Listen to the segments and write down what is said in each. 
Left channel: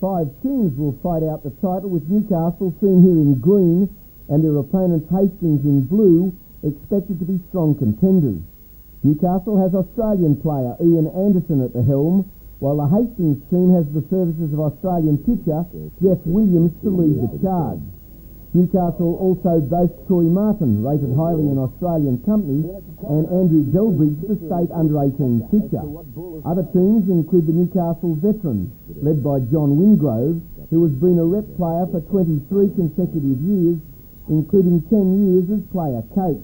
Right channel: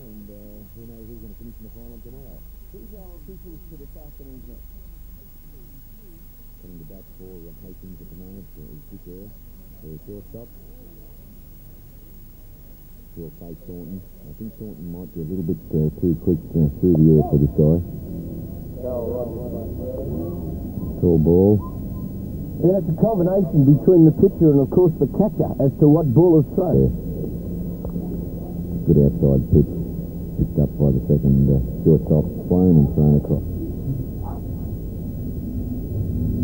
5 teams will fight out the title, with Newcastle seen here in green and their opponents Hastings in blue expected to be strong contenders. Newcastle has Australian player Ian Anderson at the helm, while the Hastings team has the services of Australian pitcher Jeff Williams to lead the charge. Newcastle also boasts Troy Martin, rated highly in Australian company. Yeah, it's a combination between the pitcher and, of course, the catcher as to what ball is thrown. Other teams include the Newcastle veterans, led by outside John Wingrove, who has been a rep player for 23 consecutive years, including 10 years as player-coach.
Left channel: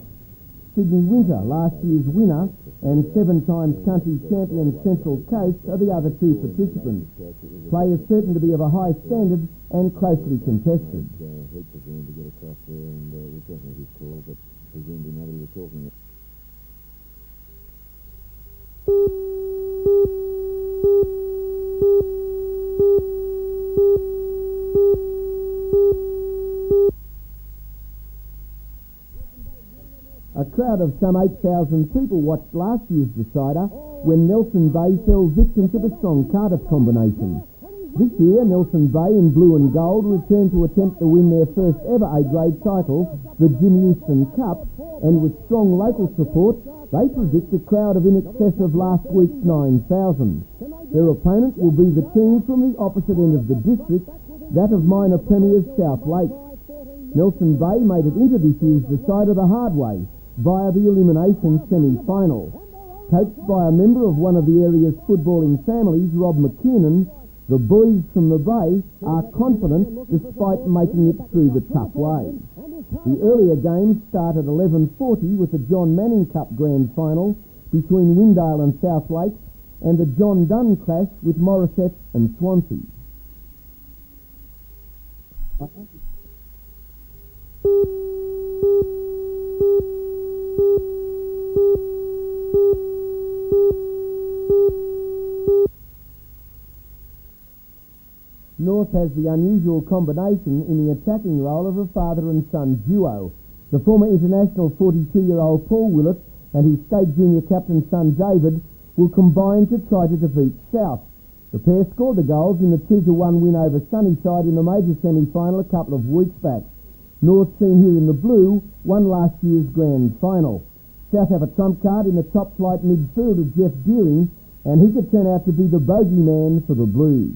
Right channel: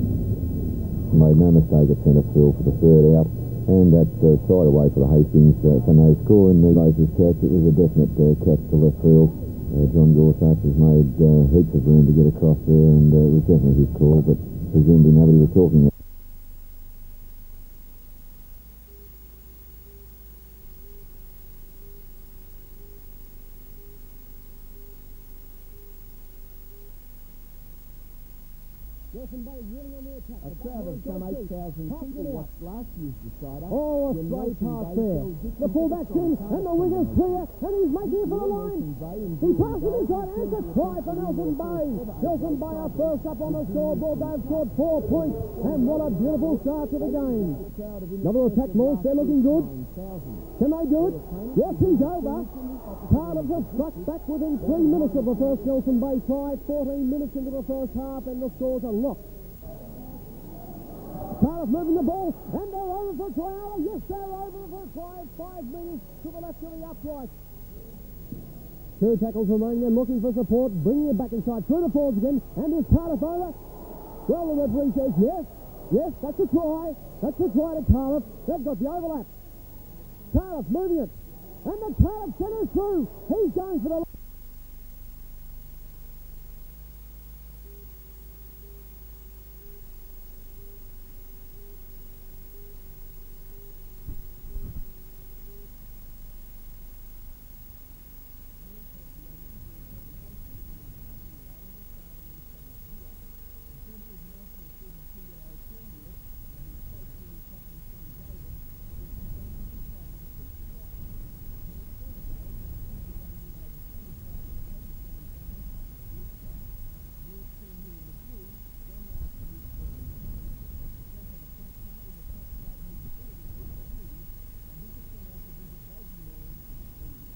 Sydney Winter, last year's winner, and 7-time county champion Central Coast, are the other two participants. They are certain to be of a high standard and closely contested. Made heaps of room to get across there, and it was definitely his call, but presumably nobody was talking. A crowd of some 8,000 people watched last year's decider when Nelson Bay fell victim to the strong Carter combination. This year, Nelson Bay in blue and gold returned to attempt to win their first ever A-grade title, the Jim Houston Cup, and with strong local support, they predict a crowd of in excess of last week's 9,000. Their opponent will be the team from the opposite end of the district, that of minor premiers South Lake. Nelson Bay made it into this year's decider the hard way, via the elimination semi-final. Coached by a member of one of the area's footballing families, Rob McKiernan, the boys from the Bay are confident despite making it through the tough way. The earlier games start at 11:40 with the John Manning Cup Grand Final between Lindale and South Lake, and the John Dunn clash with Morisset and Swansea. North has the unusual combination in the attacking role of a father and son duo. The former international 42-year-old Paul Willett and his state junior captain son David will combine to try to defeat South. The pair scored the goals in the 2-1 win over Sunnyside in the major semi-final a couple of weeks back. North, seen here in the blue, won last year's grand final. South have a trump card in the top-flight midfielder Jeff Deering, and he could turn out to be the bogeyman for the Blues.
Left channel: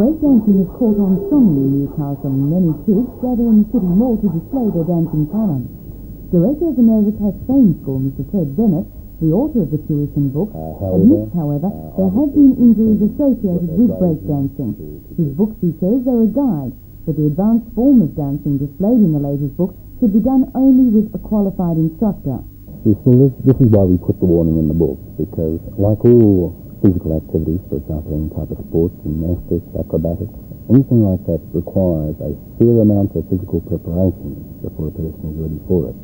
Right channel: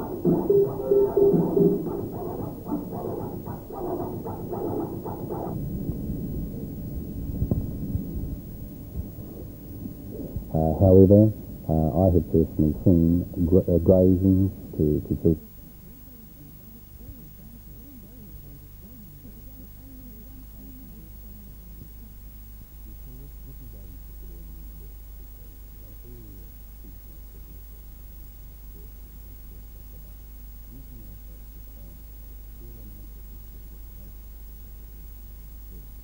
Breakdancing is caught on strongly in Newcastle, and many kids gather in the city hall to display their dancing talent. Director of the Nova Cash Fame School, Mr. Ted Bennett, the author of the tuition book, admits, however, there have been injuries associated with breakdancing. His books, he says, are a guide, but the advanced form of dancing displayed in the latest book should be done only with a qualified instructor. This is why we put the warning in the book, because like all physical activities, for example, any type of sports, gymnastics, acrobatics, anything like that requires a fair amount of physical preparation before a person is ready for it.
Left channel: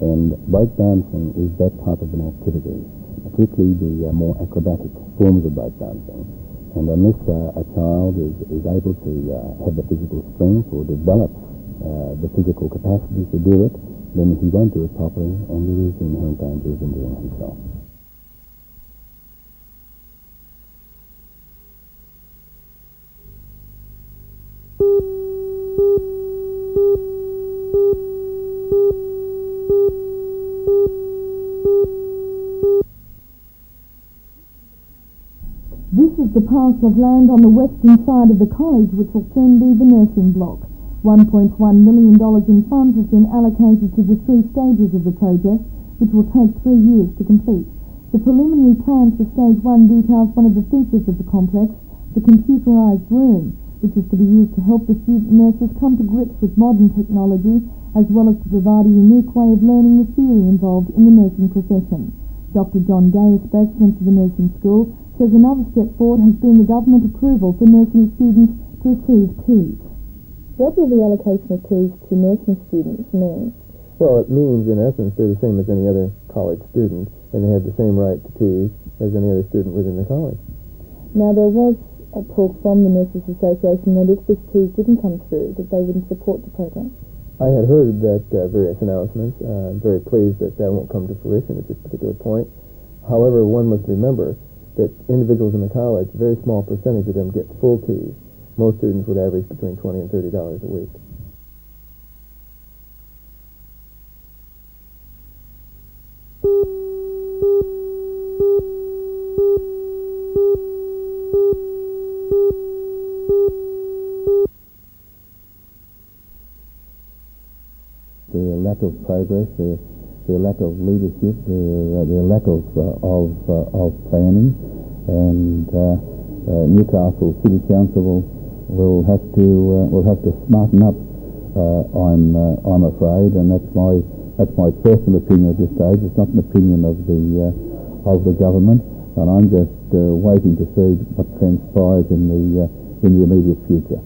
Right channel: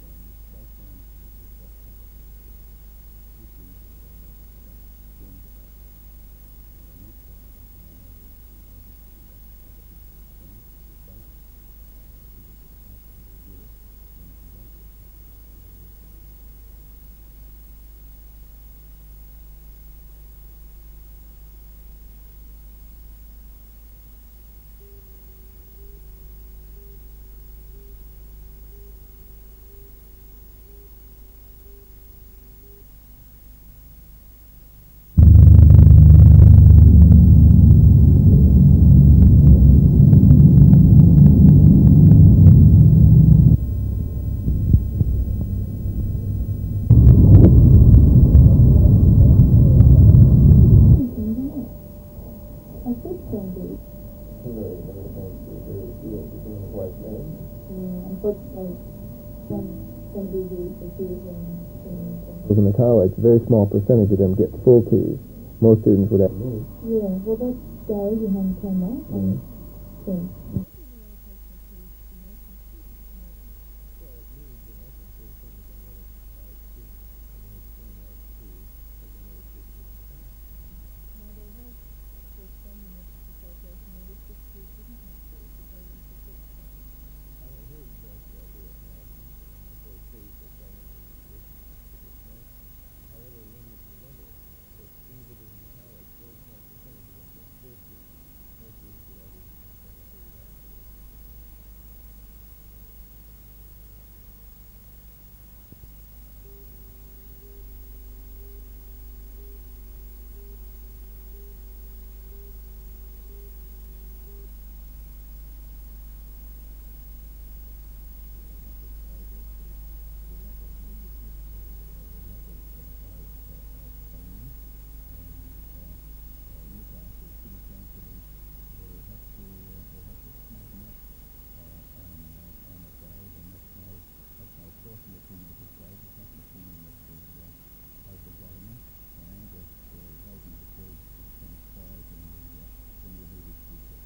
And breakdancing is that type of an activity, particularly the more acrobatic forms of breakdancing. And unless a child is able to have the physical strength or develop the physical capacity to do it, then he won't do it properly, and there is the inherent danger of injuring himself. This is the parcel of land on the western side of the college which will soon be the nursing block. $1.1 million in funds has been allocated to the 3 stages of the project, which will take 3 years to complete. The preliminary plans for Stage 1 details one of the features of the complex, the computerised room, which is to be used to help the student nurses come to grips with modern technology, as well as to provide a unique way of learning the theory involved in the nursing profession. Dr. John Day, spokesman for the nursing school, says another step forward has been the government approval for nursing students to receive keys. What will the allocation of keys to nursing students mean? Well, it means, in essence, they're the same as any other college student, and they have the same right to tea as any other student within the college. Now, there was a talk from the Nurses Association that if this tea didn't come through, that they wouldn't support the protest. I had heard that various announcements. I'm very pleased that that won't come to fruition at this particular point. However, one must remember that individuals in the college, a very small percentage of them get full tea. Most students would average between $20 and $30 a week. Their lack of progress, their lack of leadership, their lack of planning, and Newcastle City Council will have to smarten up. I'm afraid, and that's my personal opinion at this stage. It's not an opinion of the government, and I'm just waiting to see what transpires in the immediate future.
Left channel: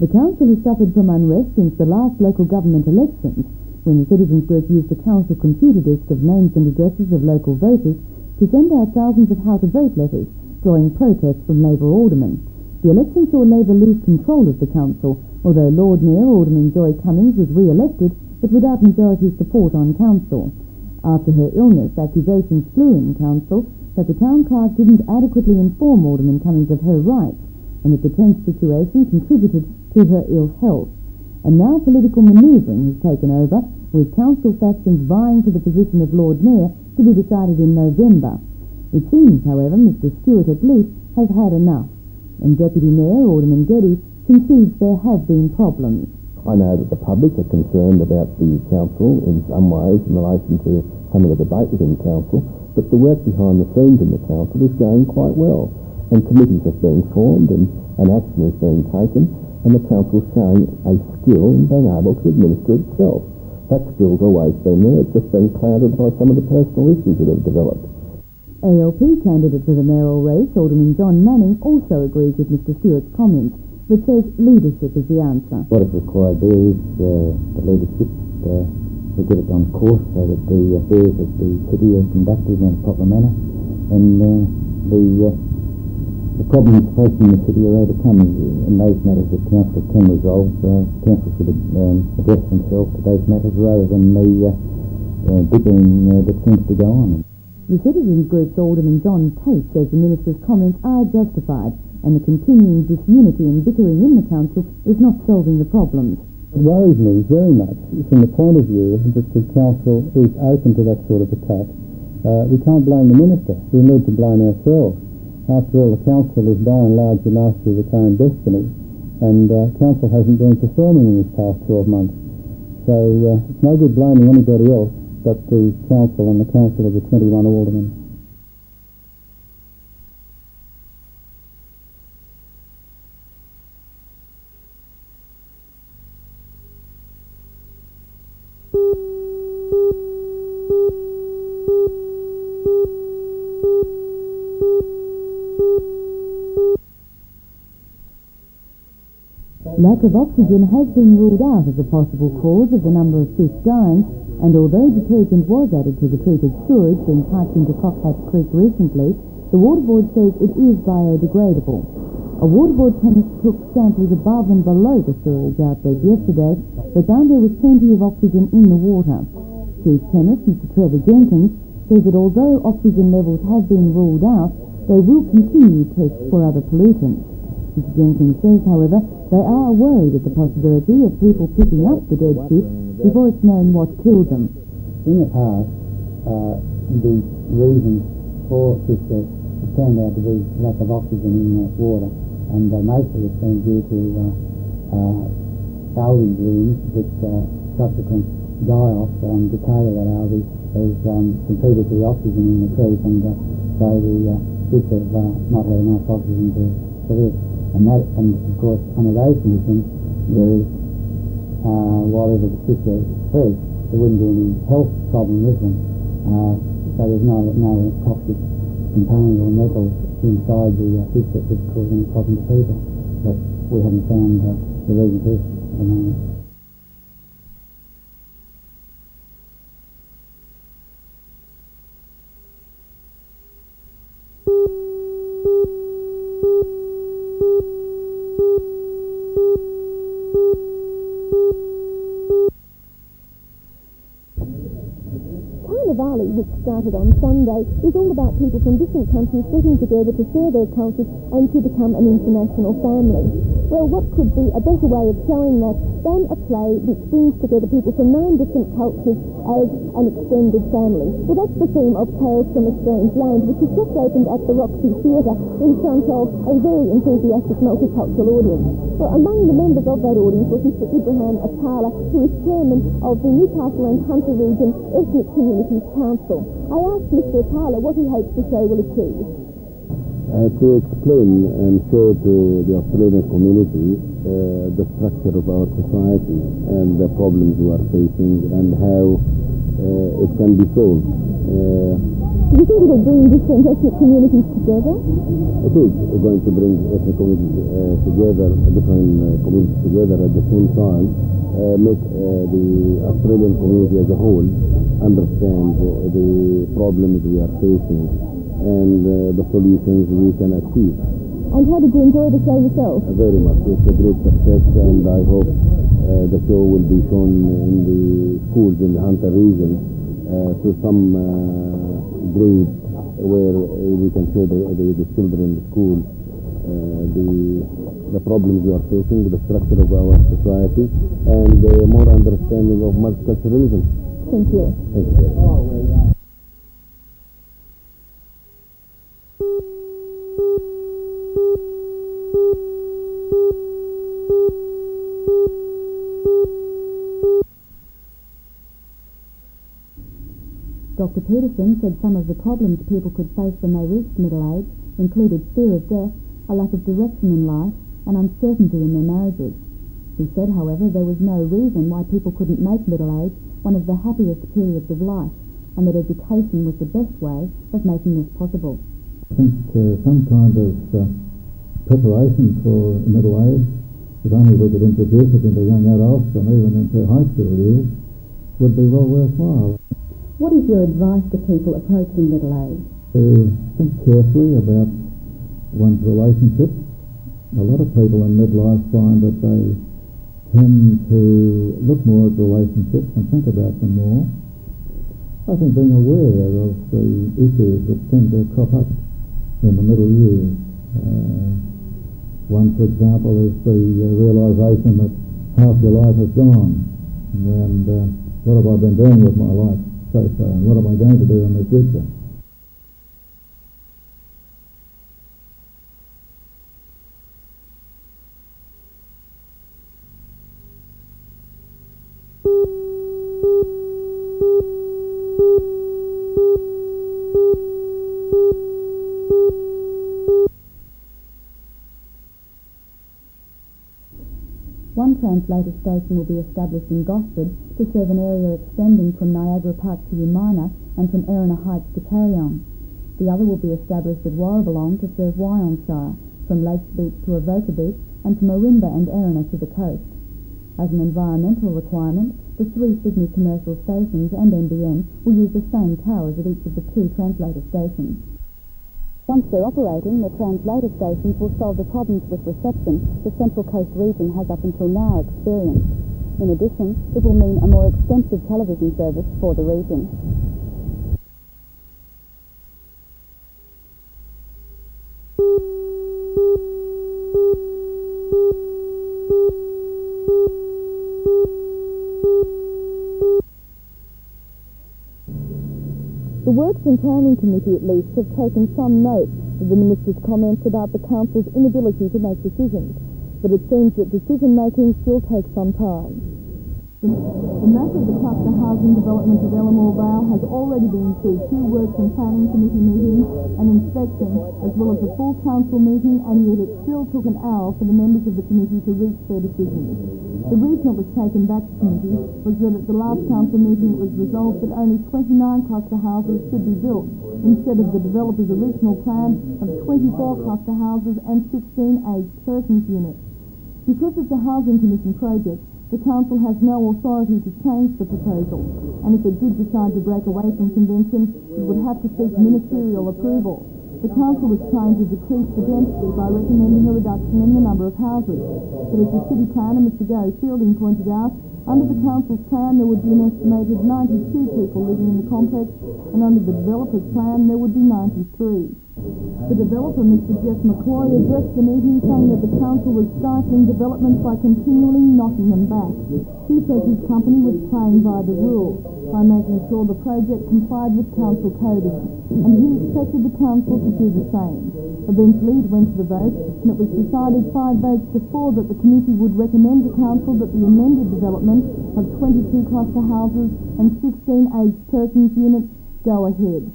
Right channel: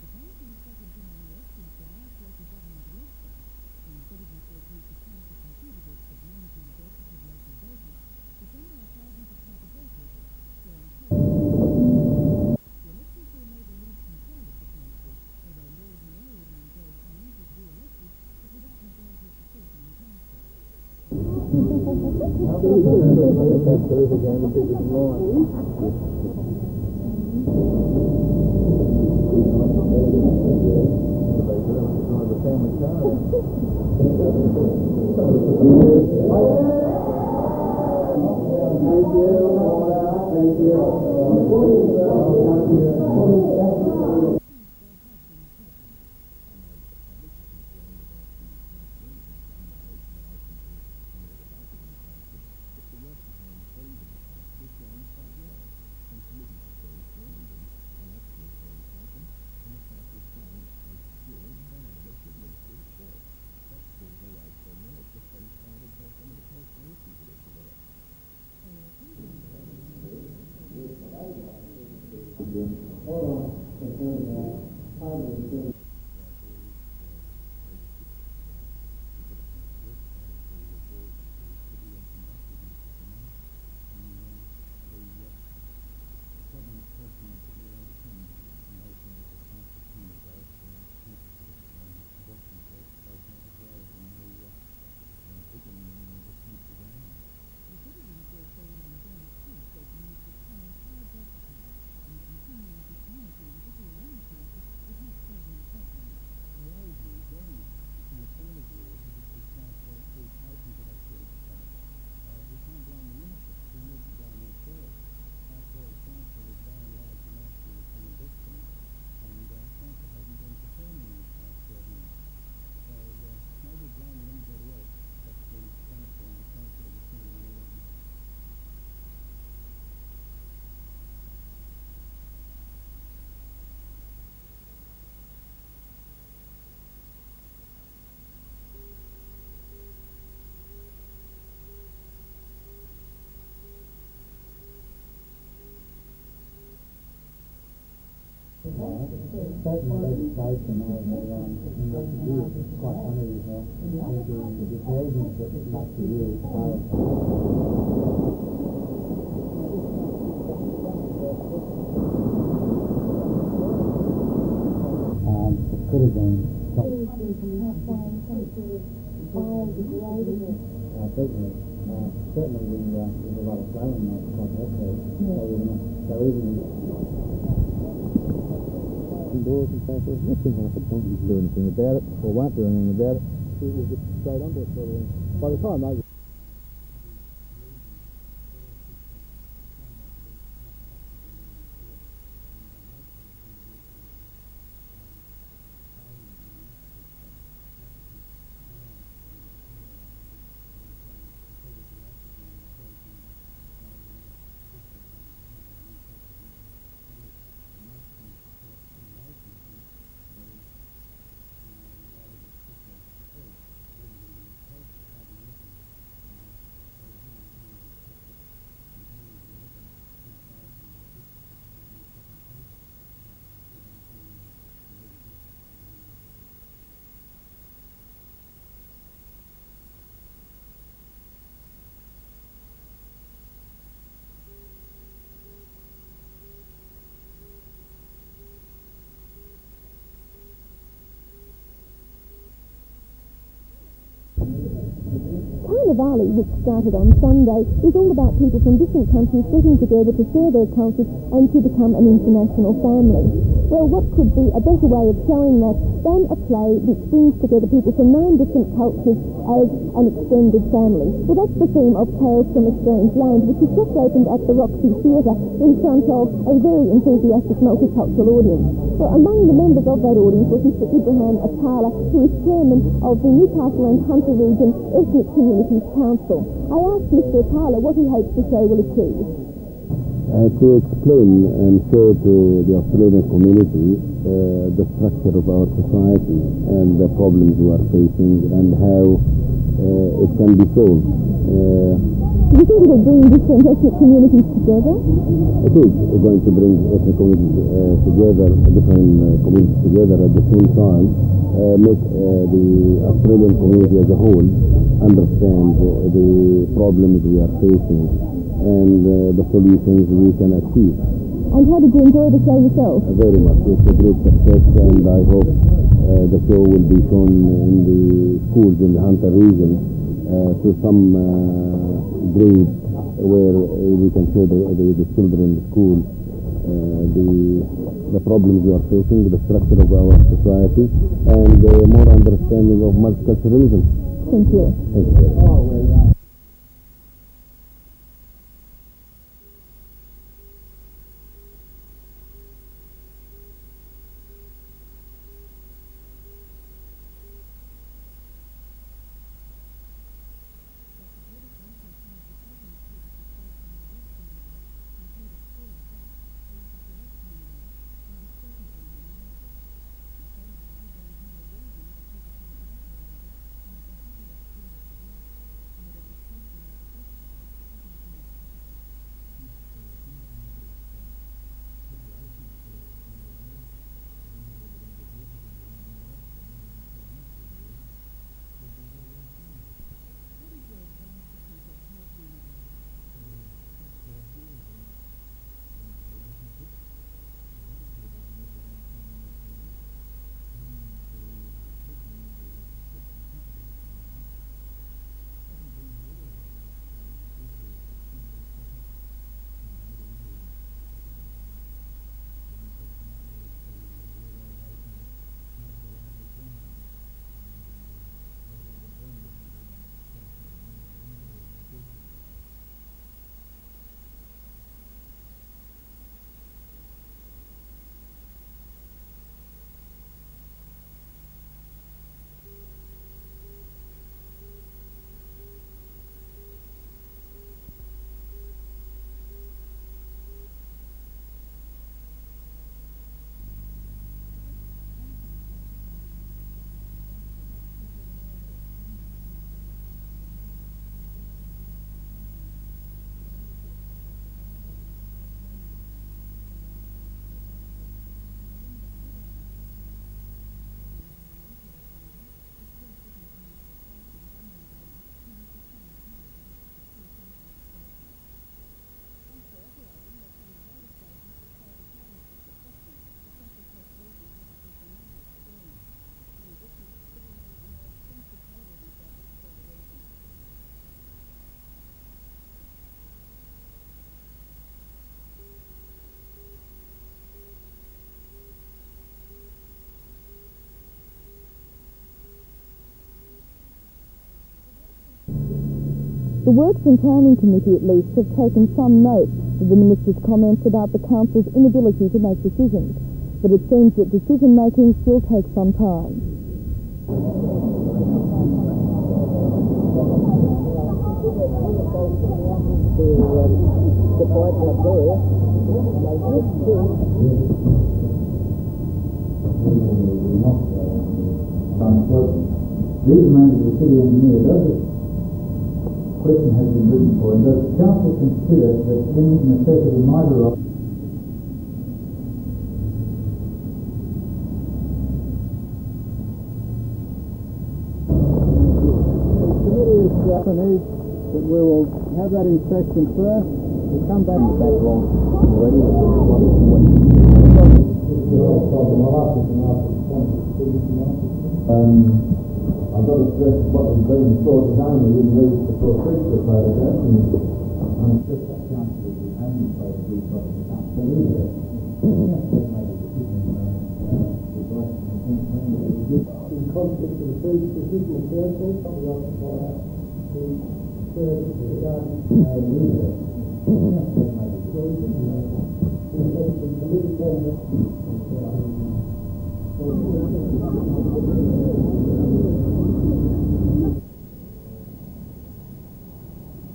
The council has suffered from unrest since the last local government elections, when the citizens group used the council computer disk of names and addresses of local voters to send out thousands of how-to-vote letters, drawing protest from Labour aldermen. The election saw Labour lose control of the council, although Lord Mayor Alderman Joy Cummings was re-elected, but without majority support on council. After her illness, accusations flew in the council that the town clerk didn't adequately inform Alderman Cummings of her rights, and the tense situation contributed to her ill health. And now political manoeuvring has taken over, with council factions vying for the position of Lord Mayor to be decided in November. It seems, however, Mr. Stewart at least has had enough, and Deputy Mayor Alderman Geddes concedes there have been problems. I know that the public are concerned about the council in some ways in relation to some of the debate within the council, but the work behind the scenes in the council is going quite well, and committees are being formed and action is being taken, and the council is showing a skill in being able to administer itself. That skill's always been there, it's just been clouded by some of the personal issues that have developed. ALP candidate for the mayoral race, Alderman John Manning, also agrees with Mr. Stewart's comments, but says leadership is the answer. What is required there is the leadership to get it on course so that the affairs of the city are conducted in a proper manner, and the problems facing the city are overcome, and those matters that council can resolve. Council should address themselves to those matters rather than the bickering that seems to go on. The Citizens Group's Alderman John Tate says the Minister's comments are justified, and the continuing disunity and bickering in the council is not solving the problems. It worries me very much from the point of view that the council is open to that sort of attack. We can't blame the Minister. We need to blame ourselves. After all, the council is by and large the master of its own destiny, and council hasn't been performing in this past 12 months. So it's no good blaming anybody else but the council and the council of the 21 aldermen. Lack of oxygen has been ruled out as a possible cause of the number of fish dying, and although detergent was added to the treated sewage when piped into Cockpat Creek recently, the Water Board says it is biodegradable. A Water Board team took samples above and below the sewage outlet yesterday, but found there was plenty of oxygen in the water. Chief Chemist Mr. Trevor Jenkins says that although oxygen levels have been ruled out, they will continue tests for other pollutants. Mr. Jenkins says, however, they are worried of the possibility of people picking up the dead fish before it's known what killed them. In the past, the reasons for fish death have turned out to be lack of oxygen in the water, and most of it's been due to algae blooms which subsequent die-off and decay of that algae has competed with the oxygen in the creek, and so the fish have not had enough oxygen to live. And of course, under those conditions, there is, whatever the fish are fresh, there wouldn't be any health problem with them. So there's no toxic component or metals inside the fish that could cause any problem to people. But we haven't found the reason for this at the moment. Diwali, which started on Sunday, is all about people from different countries getting together to share their cultures and to become an international family. Well, what could be a better way of showing that than a play which brings together people from 9 different cultures as an extended family? Well, that's the theme of Tales from a Strange Land, which has just opened at the Roxy Theatre in front of a very enthusiastic multicultural audience. Well, among the members of that audience was Mr. Ibrahim Atala, who is chairman of the Newcastle and Hunter Region Ethnic Communities Council. I asked Mr. Atala what he hopes the show will achieve. To explain and show to the Australian community the structure of our society and the problems we are facing and how it can be solved. Do you think it will bring different ethnic communities together? It is going to bring ethnic communities together, different communities together at the same time, make the Australian community as a whole understand the problems we are facing and the solutions we can achieve. And how did you enjoy the show yourself? Very much. It's a great success, and I hope the show will be shown in the schools in the Hunter region to some grades where we can show the children in the school the problems we are facing, the structure of our society, and more understanding of multiculturalism. Thank you. Thank you very much. Dr. Peterson said some of the problems people could face when they reached middle age included fear of death, a lack of direction in life, and uncertainty in their marriages. He said, however, there was no reason why people couldn't make middle age one of the happiest periods of life, and that education was the best way of making this possible. I think some kind of preparation for middle age, if only we could introduce it into young adults and even into high school years, would be well worthwhile. What is your advice to people approaching middle age? To think carefully about one's relationships. A lot of people in midlife find that they tend to look more at relationships and think about them more. I think being aware of the issues that tend to crop up in the middle years. One, for example, is the realisation that half your life is gone, and what have I been doing with my life so far, and what am I going to do in the future? One translator station will be established in Gosford to serve an area extending from Niagara Park to Umina and from Erina Heights to Carryong. The other will be established at Warrabulong to serve Wyongshire, from Lakes Beach to Avoca Beach, and from Orinda and Erina to the coast. As an environmental requirement, the 3 Sydney commercial stations and NBN will use the same towers at each of the 2 translator stations. Once they're operating, the translator stations will solve the problems with reception the Central Coast region has up until now experienced. In addition, it will mean a more extensive television service for the region. The Works and Planning Committee, at least, have taken some note of the Minister's comments about the Council's inability to make decisions, but it seems that decision-making still takes some time. The massive cluster housing development at Bellamore Vale has already been through 2 Works and Planning Committee meetings and inspected, as well as a full Council meeting, and it still took an hour for the members of the committee to reach their decision. The reason it was taken back to the Minister was that at the last Council meeting it was resolved that only 29 cluster houses could be built, instead of the developer's original plan of 24 cluster houses and 16 aged persons units. Because it's a housing commission project, the Council has no authority to change the proposal, and if it did start the Regulation Convention, it would have to seek ministerial approval. The council was trying to decrease the use of roads in the number of houses. As the city planner, Mr. Gary Fielding, pointed out, under the council's plan there would be an estimated 92 people living in the complex, and under the developer's plan there would be 93. The developer, Mr. Jeff McCoy, addressed the meeting saying that the council was stifling development by continually knocking them back. He said his company was playing by the rules by making sure the project complied with council code, and he expected the council to do the same. Eventually it went to the vote, and it was decided 5 votes to 4 that the committee would recommend to council that the amended development of 22 cluster houses and 16 aged persons units go ahead.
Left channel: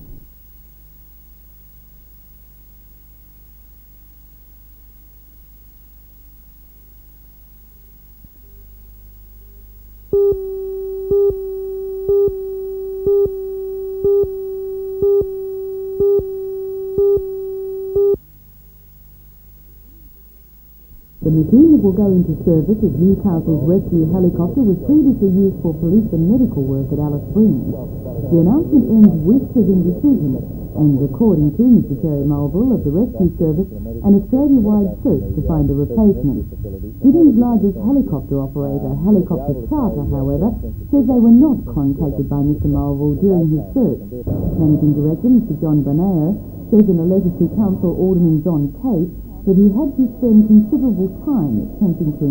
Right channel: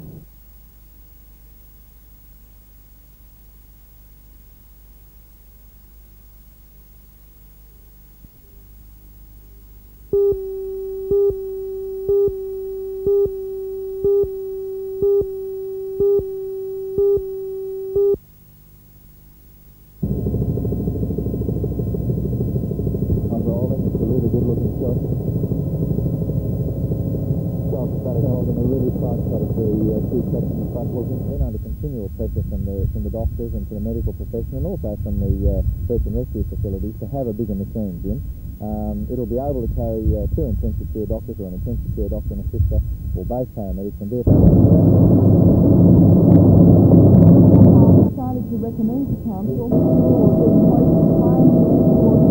The unit will go into service as Newcastle's rescue helicopter was previously used for police and medical work at Alice Springs. The announcement ends with his decision, and according to Mr. Terry Mulville of the Rescue Service, an Australia-wide search to find a replacement. Britain's largest helicopter operator, Helicopter Charter, however, says they were not contacted by Mr. Mulville during his search. And Mr. John Banana says that Emergency Council Alderman John Case that he had to spend considerable time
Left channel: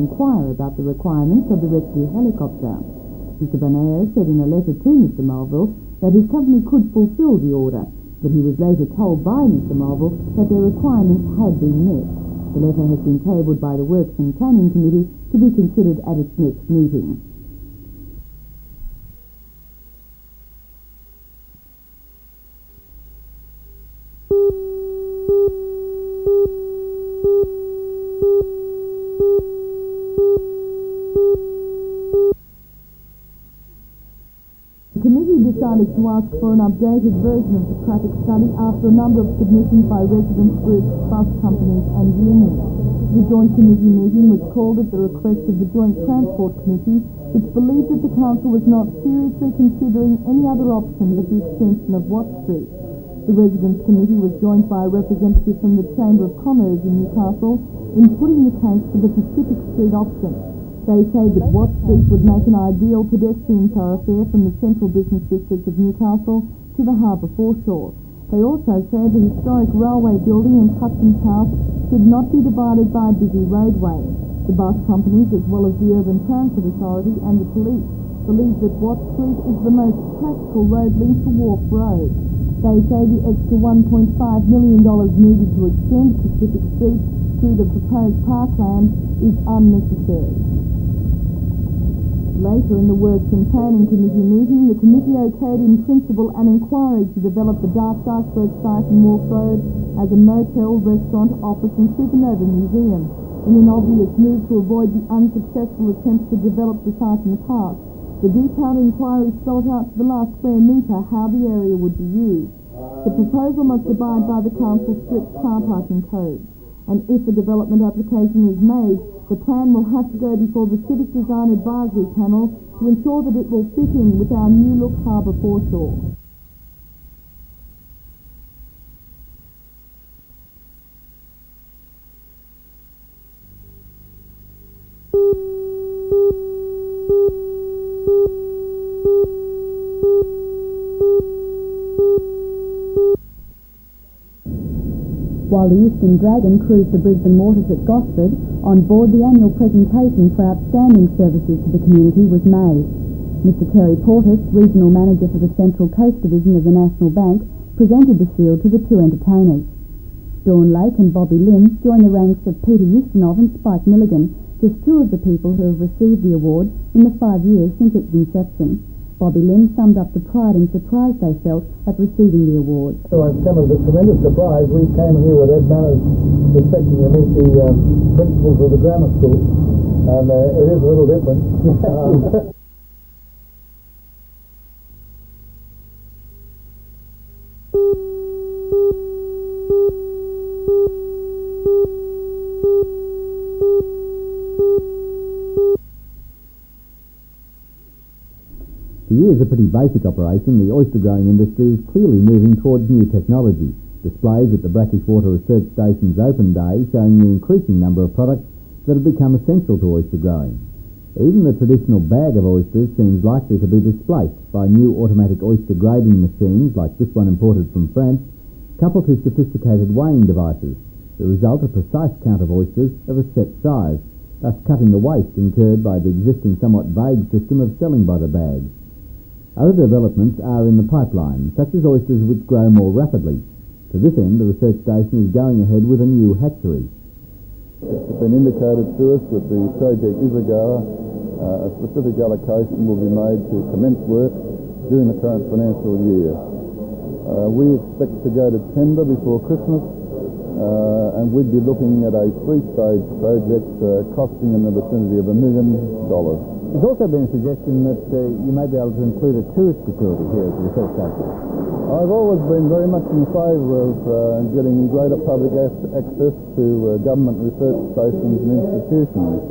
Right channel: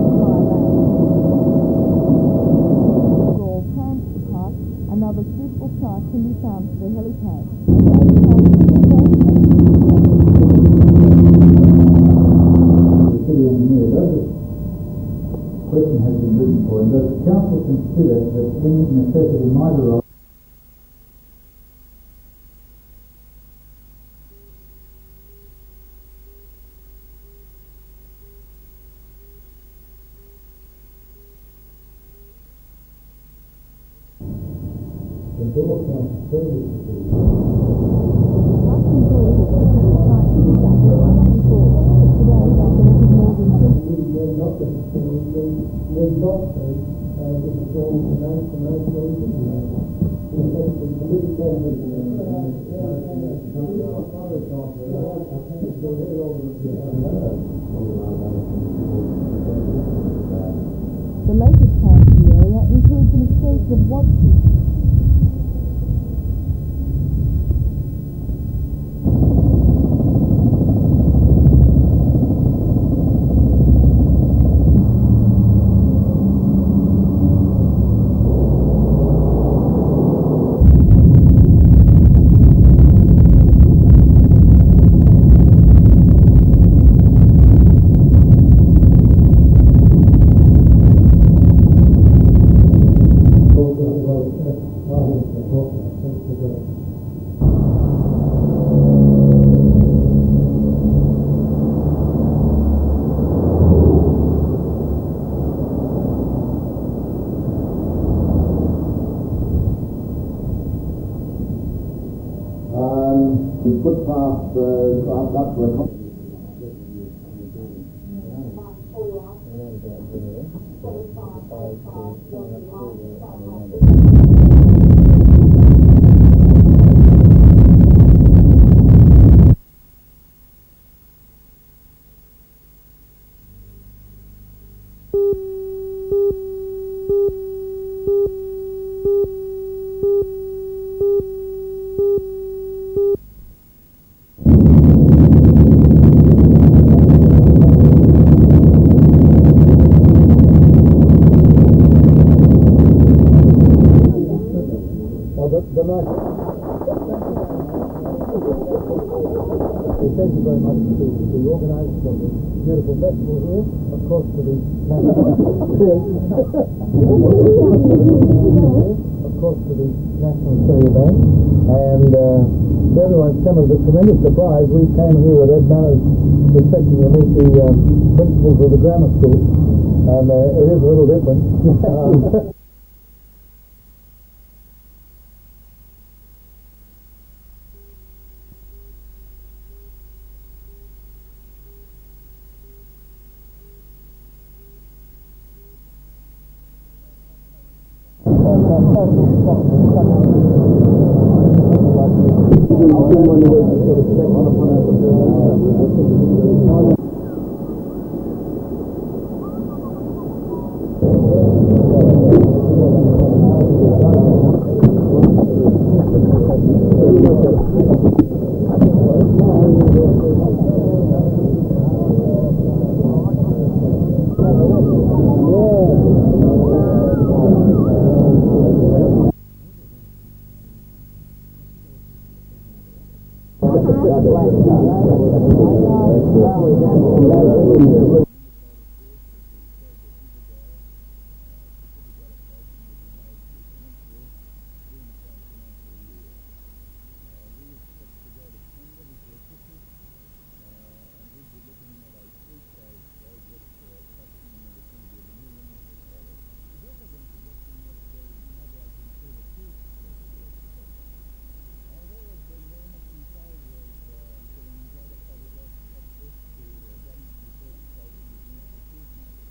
inquiring about the requirements of the rescue helicopter. Mr. Banana said in a letter to Mr. Mulville that his company could fulfil the order. He was then told by Mr. Mulville that the requirements had been tabled by the Works and Planning Committee to be considered at its next meeting. The council considered that any necessity might arise. The committee decided to ask for an updated version of the traffic study after a number of submissions by residents, groups, bus companies and students. The joint committee meeting was called at the request of the Joint Transport Committee, which believed that the council was not seriously considering any other option with the extension of Watt Street. The Residents Committee was joined by a representative from the Chamber of Commerce in Newcastle in putting the case for the Pacific Street option. They say that Watt Street would make an ideal pedestrian thoroughfare from the central business district of Newcastle to the harbour foreshore. They also say the historic railway building and customs house should not be divided by a busy roadway. The bus companies, as well as the Urban Transport Authority and the police, believe that Watt Street is the most practical road link to Wharf Road. They say the extra $1.5 million needed to extend Pacific Street through the proposed parkland is unnecessary. Later in the Works and Planning Committee meeting, the committee okayed in principle an inquiry to develop the Dark Cycler site in Wharf Road as a motel, restaurant, office and supernova museum. The involvement was moved to avoid the unsuccessful attempt to develop the site in park. The detailed inquiry spelled out to the last square metre how the area would be used. The proposal must abide by the council's strict car parking code. And if a development application is made, the plan will have to go before the Civic Design Advisory Panel to ensure that it will fit in with our new look harbour foreshore. Regional Manager for the Central Coast Division of the National Bank, presented the shield to the two entertainers. Dawn Lake and Bobby Lynn joined the ranks of Peter Ustinov and Spike Milligan, the stewards of the received the award in the 5-year conviction settlement. Bobby Lynn summed up the pride and surprise they felt at receiving the award. Everyone's come as a tremendous surprise. We came here with Ed Manners expecting to meet the principals of the grammar school, and it is a little different. moving towards the displays at the Bracken Quarter Research Station's open day showing the increasing number of products that have become essential to oyster growing. Even the traditional bag oyster seems likely to be replaced by new automatic oyster grading machines like Strait, coupled with sophisticated weighing devices. The result is a safe count of oysters of a set size, cutting the weight incurred by the existing somewhat labour-intensive. Other developments are in the pipeline, such as oysters which grow more rapidly. This is the research station is going It's been indicated to us that the project Isagawa, a specific allocation will be made to commence work during the current financial year. We expect to go to tender before Christmas, and we'd be looking at a three-stage project costing in the vicinity of $1 million. There's also been a suggestion that you may be able to include a tourist facility here at the research station. I've always been very much in favour of getting greater public access to government research stations and institutions.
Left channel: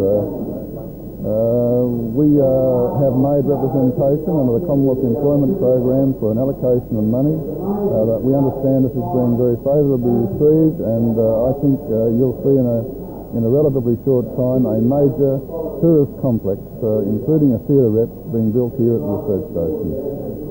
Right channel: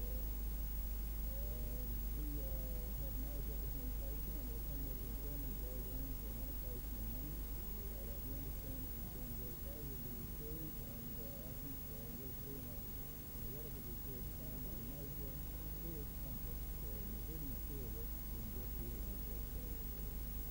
We have made representation under the Commonwealth Employment Program for an allocation of money that we understand this is being very favourably received, and I think you'll see in a relatively short time a major tourist complex, including a theaterette, being built here at the research station.